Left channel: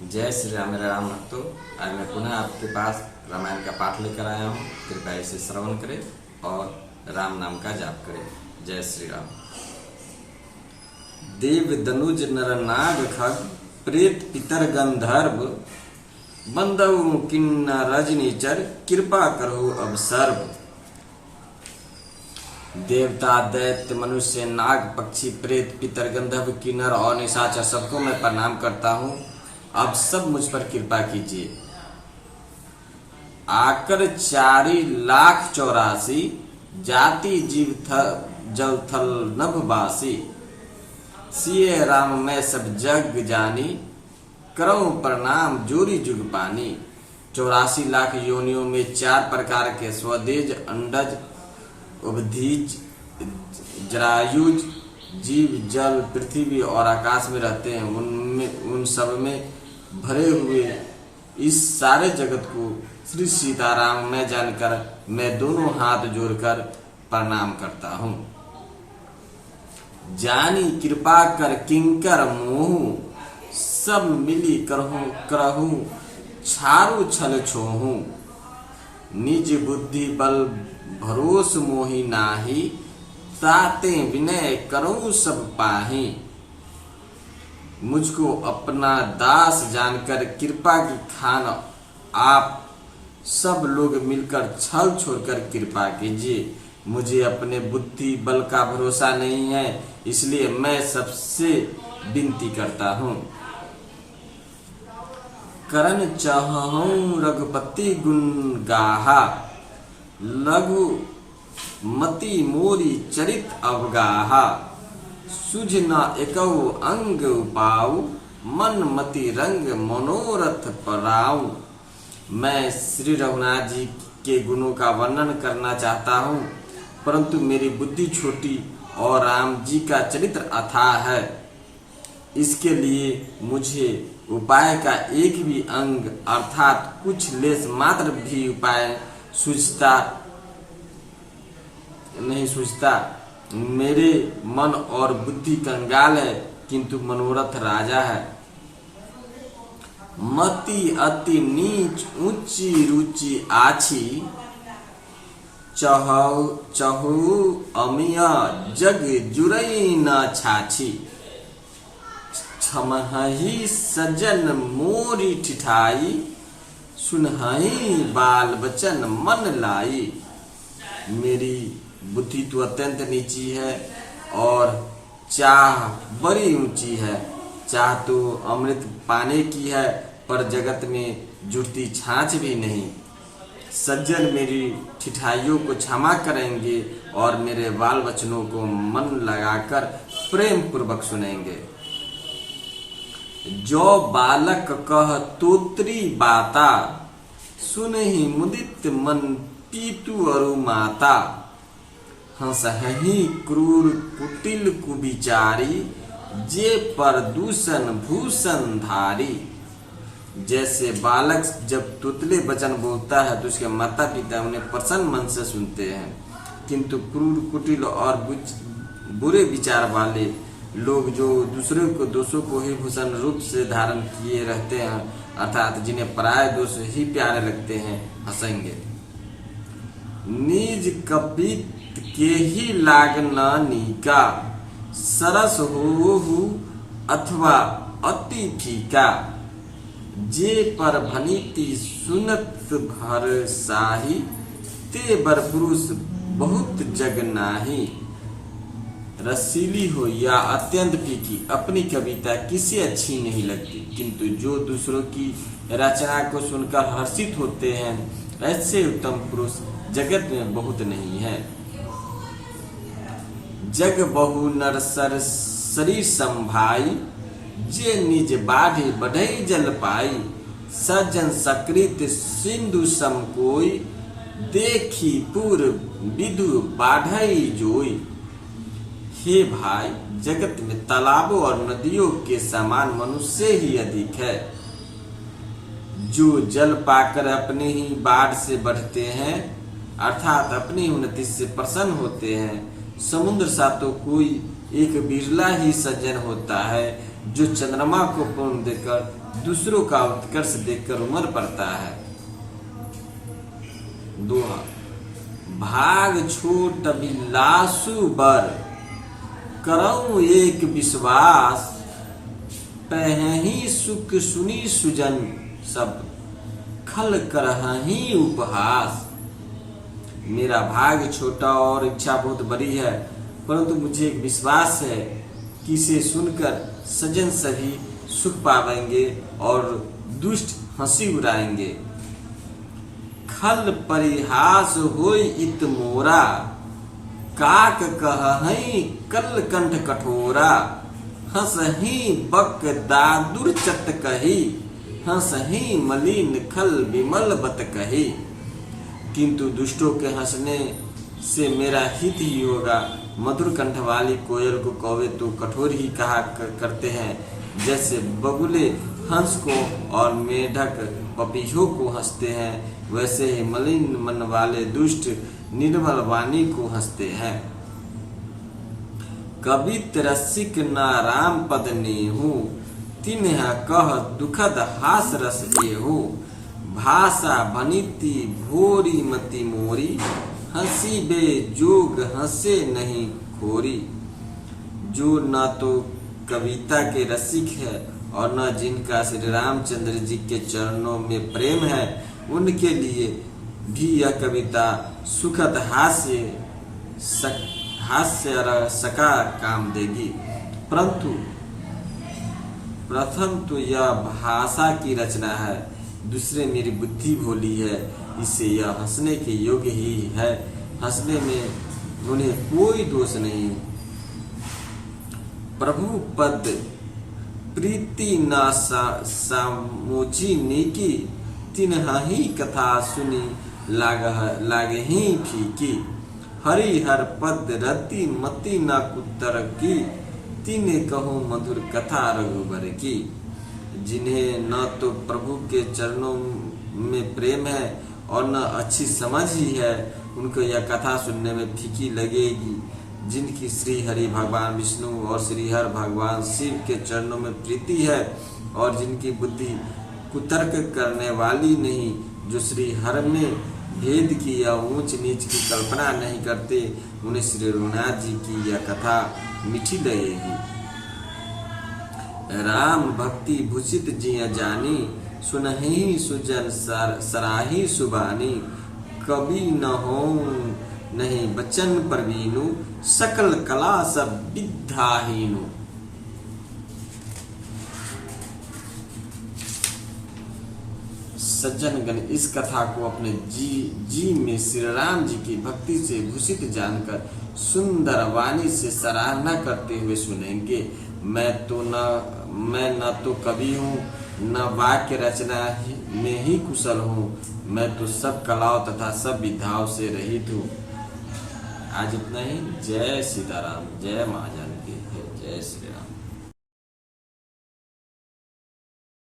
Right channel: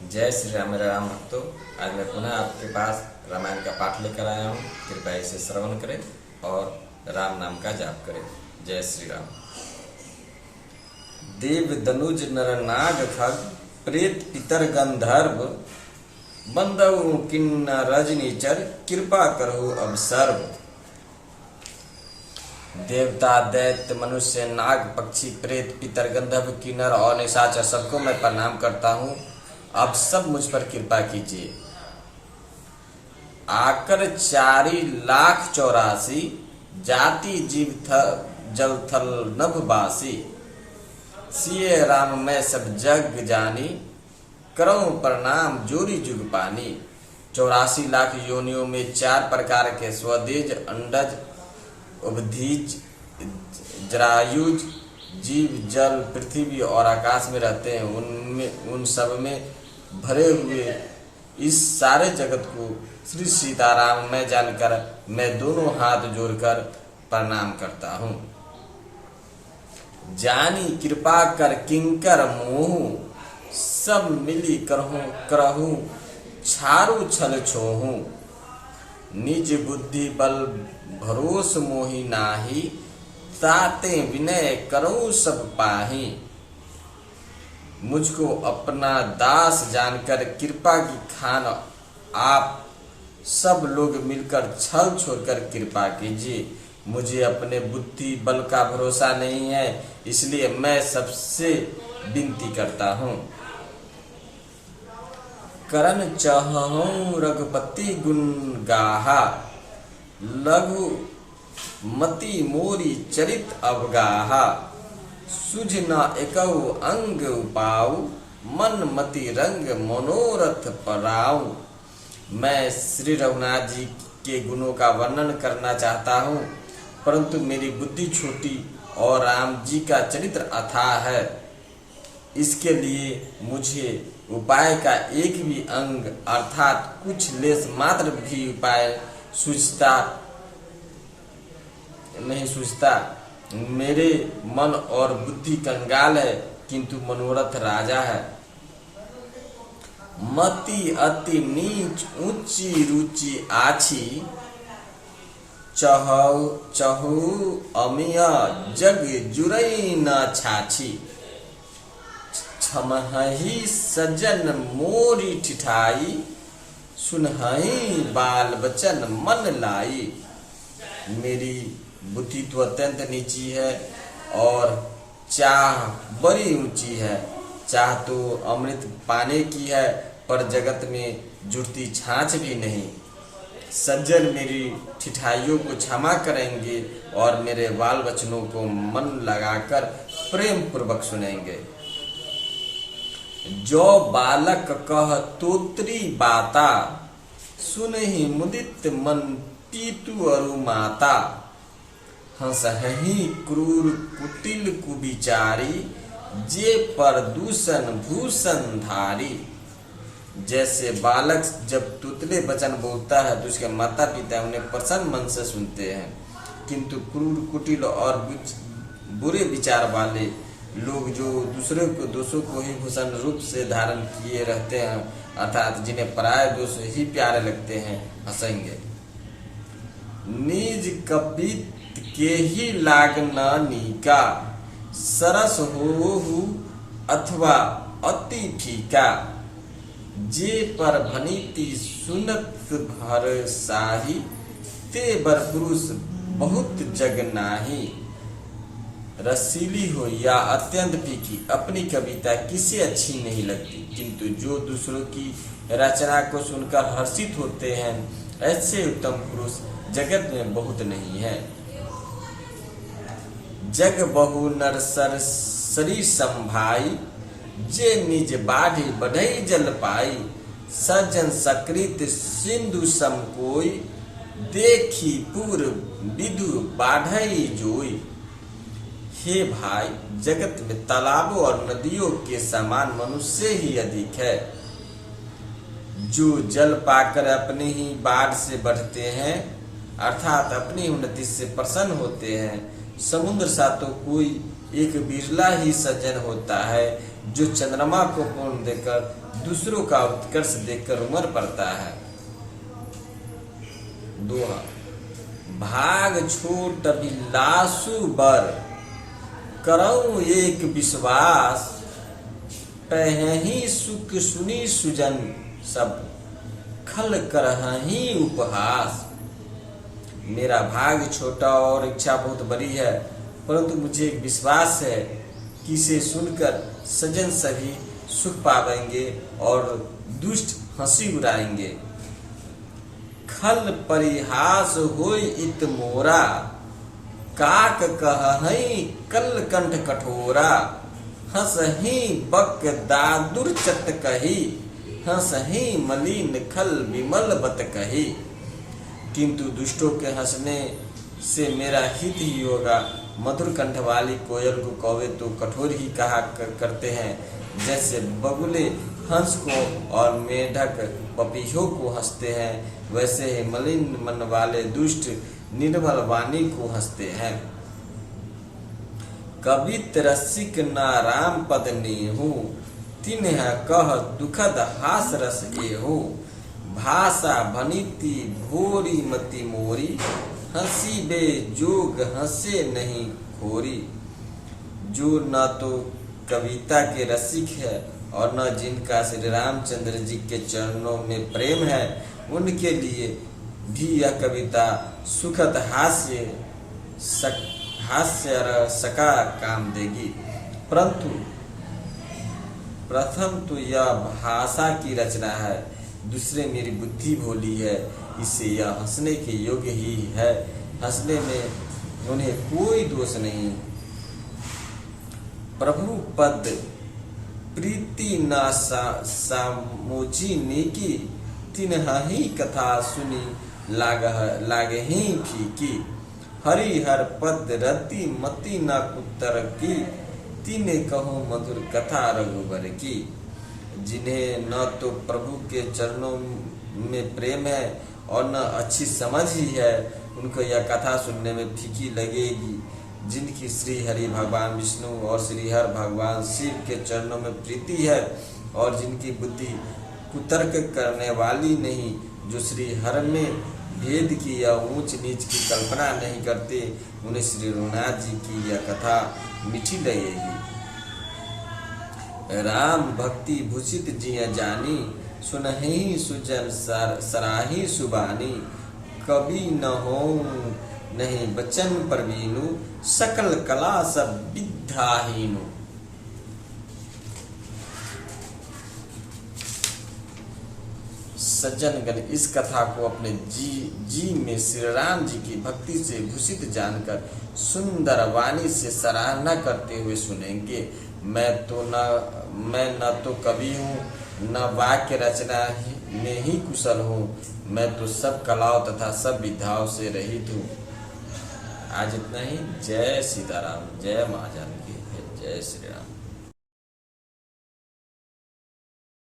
जय श्री राम। मेरे राम भक्तों, आज मैं पुनः आपके पास रामायण का पाठ लेकर आया हूँ। कृपया इसे श्रवण करें और राम नाम का जाप करें। जय श्री राम। देव दनुज नर नाग खग प्रेत पितर गंधर्व बंदव किन्नर रजनीचर कृपा करो अब सर्व। देवता दैत्य मनुष्य नाग पक्षी प्रेत पितर गंधर्व किन्नर और निशाचर सबको मैं प्रणाम करता हूँ। अब सब मुझ पर कृपा कीजिए। आकर 4,84,000 जाति जीव जल थल नभवासी। सिए राम मैं सब जग जानी करऊं प्रणाम जोरी जुग पानी। 84 लाख योनियों में 4 प्रकार के स्वदेज अंडज उभधीज जरायुज जीव जल पृथ्वी और आकाश में रहते हैं। उन सब में भरे हुए इस सारे जगत को श्री सीताराम मैं जानकर मैं दोनों हाथ जोड़कर प्रणाम करता हूँ। जानी कृपा कर किंकर मोह सब मिली करहूं छारू छल छोहूं। निज बुद्धि बल भरोस मोहि नाही ताते विनय करो सब पाही। मुझको अपना दास जानकर कृपा की खान आप सब लोग मिलकर छल छोड़कर कृपा कीजिए। मुझे अपने बुद्धि बल का भरोसा नहीं है, इसलिए मैं सबसे विनती करता हूँ। करन चाहूं रघुपति गुण गाहा लघु मति मोरी चरित अवगाहा। सुझ न एकौ अंग उपाऊ मन मति रंग मनोरथ पराऊ। मैं श्री रघुनाथ जी के गुणों का वर्णन करना चाहता हूँ, परंतु मेरी बुद्धि छोटी और राम जी का चरित्र अथाह है। इसके लिए मुझे उपाय का एक भी अंग अर्थात कुछ लेस मात्र भी उपाय नहीं सूझता। मेरे मन और बुद्धि कंगाल है, किंतु मनोरथ राजा है। मति अति नीच ऊंची रुचि आछी चहु अमिया जग जुरई न छाछी। छमहि सजन मोरी ठिठाई सुनहि बाल बचन मन लाई। मेरी बुद्धि तो अत्यंत नीची है और चाह बड़ी ऊंची है। चाह तो अमृत पाने की है, पर जगत में जुड़ती छाछ भी नहीं। सज्जन मेरी ठिठाइयों को क्षमा करेंगे और मेरे बाल बचनों को मन लगाकर प्रेम पूर्वक सुनेंगे। जो बालक कह तोत्री बाता सुनहि मुदित मन पीतु अरु माता। हंसहि क्रूर कुटिल कुविचारी जे पर दूषण भूषण धारी। जैसे बालक जब तुतले वचन बोलता है तो उसके माता पिता उन्हें प्रसन्न मन से सुनते हैं, किंतु क्रूर कुटिल और बुरे विचार वाले लोग जो दूसरे को दोषों को ही भूषण रूप से धारण किए रहते हैं, अर्थात जिन्हें पराये दोष ही प्यारे लगते हैं, हंसेंगे। निज कपित के ही लागना नीका सरस हो अथवा अति फीका। जे पर भनीति सुनत भर साही ते बर पुरुष बहुत जग नाही। रसीली हो या अत्यंत फीकी अपनी कविता किसी अच्छी नहीं लगती, किंतु जो दूसरों की रचना को सुनकर हर्षित होते हैं, ऐसे उत्तम पुरुष जगत में बहुत नहीं है। जग बहु नर सर शरीर संभाई जे निज बाढ़ी बढ़ई जल पाई। सज्जन सकृत सिंधु सम कोई देखी पूर्व विधु बाढ़ई जोई। हे भाई, जगत में तालाबों और नदियों के समान मनुष्य ही अधिक है, जो जल पाकर अपनी ही बाढ़ से बढ़ते हैं, अर्थात अपनी उन्नति से प्रसन्न होते हैं। समुद्र सा तो कोई एक बिरला ही सज्जन होता है जो चंद्रमा को पूर्ण देकर दूसरों का उत्कर्ष देखकर उमर पड़ता है। दोहा। भाग छोट बिलासु बर, करऊं एक विश्वास, पहही सुख सुनी सुजन सब, खल करही उपहास। मेरा भाग छोटा और इच्छा बहुत बड़ी है, परंतु मुझे एक विश्वास है कि इसे सुनकर सज्जन सभी सुख पावेंगे और दुष्ट हंसी उड़ाएंगे। खल परिहास होई इत मोरा, काक कहहि कल कंठ कठोरा, हंसहि बक दादुर चत कही, हंसहि मलिन खल विमल बत कही। किंतु दुष्टों के हंसने से मेरा हित ही होगा। मधुर कंठ वाली कोयल को कौवे तो कठोर ही कहा करते हैं, जैसे बगुले हंस को और मेढक पपीहों को हंसते हैं, वैसे ही मलिन मन वाले दुष्ट निर्मल वाणी को हंसते हैं। कवित रसिक ना राम पद नेहु, तिन्ह कह दुखद हास रस एहु। भाषा भनिति भोरी मति मोरी, हंसी बे जोग हंसे नहीं खोरी। जो न तो कविता के रसिक है और न जिनका श्री रामचंद्र जी के चरणों में प्रेम है, उनके लिए भी यह कविता सुखद हास्य सका काम देगी। परंतु प्रथम तो यह भाषा की रचना है, दूसरे मेरी बुद्धि भोली है, इससे यह हंसने के योग्य ही है। हंसने में उन्हें कोई दोष नहीं। प्रभु पद प्रीति न सामोची नीकी, तिन्हि कथा सुनी लागहि फीकी। हरि हर पद रति मति न कुतर की, तिने कहो मधुर कथा रघुबर की। जिन्हें न तो प्रभु के चरणों में प्रेम है और न अच्छी समझ ही है, उनको यह कथा सुनने में फीकी लगेगी। जिनकी श्री हरि भगवान विष्णु और श्री हर भगवान शिव के चरणों में प्रीति है और जिनकी बुद्धि कुतर्क करने वाली नहीं, जो श्री हर में भेद की या ऊंच नीच की कल्पना नहीं करते, उन्हें श्री रघुनाथ जी की यह कथा मीठी लगेगी। राम भक्ति भूषित जिय जानी, सुनहि सुजन सराही सुबानी। कवि न हो नहीं बचन परवीनु, सकल कला सब विद्याहीनु। सज्जनगण इस कथा को अपने जी में श्री राम जी की भक्ति से भूषित जानकर सुंदर वाणी से सराहना करते हुए सुनेंगे। मैं न तो कवि हूँ, न वाक्य रचना में ही कुशल हूँ, मैं तो सब कलाओं तथा सब विद्याओं से रहित हूँ। आज इतना ही। जय सीताराम, जय माँ जानकी, जय श्री राम।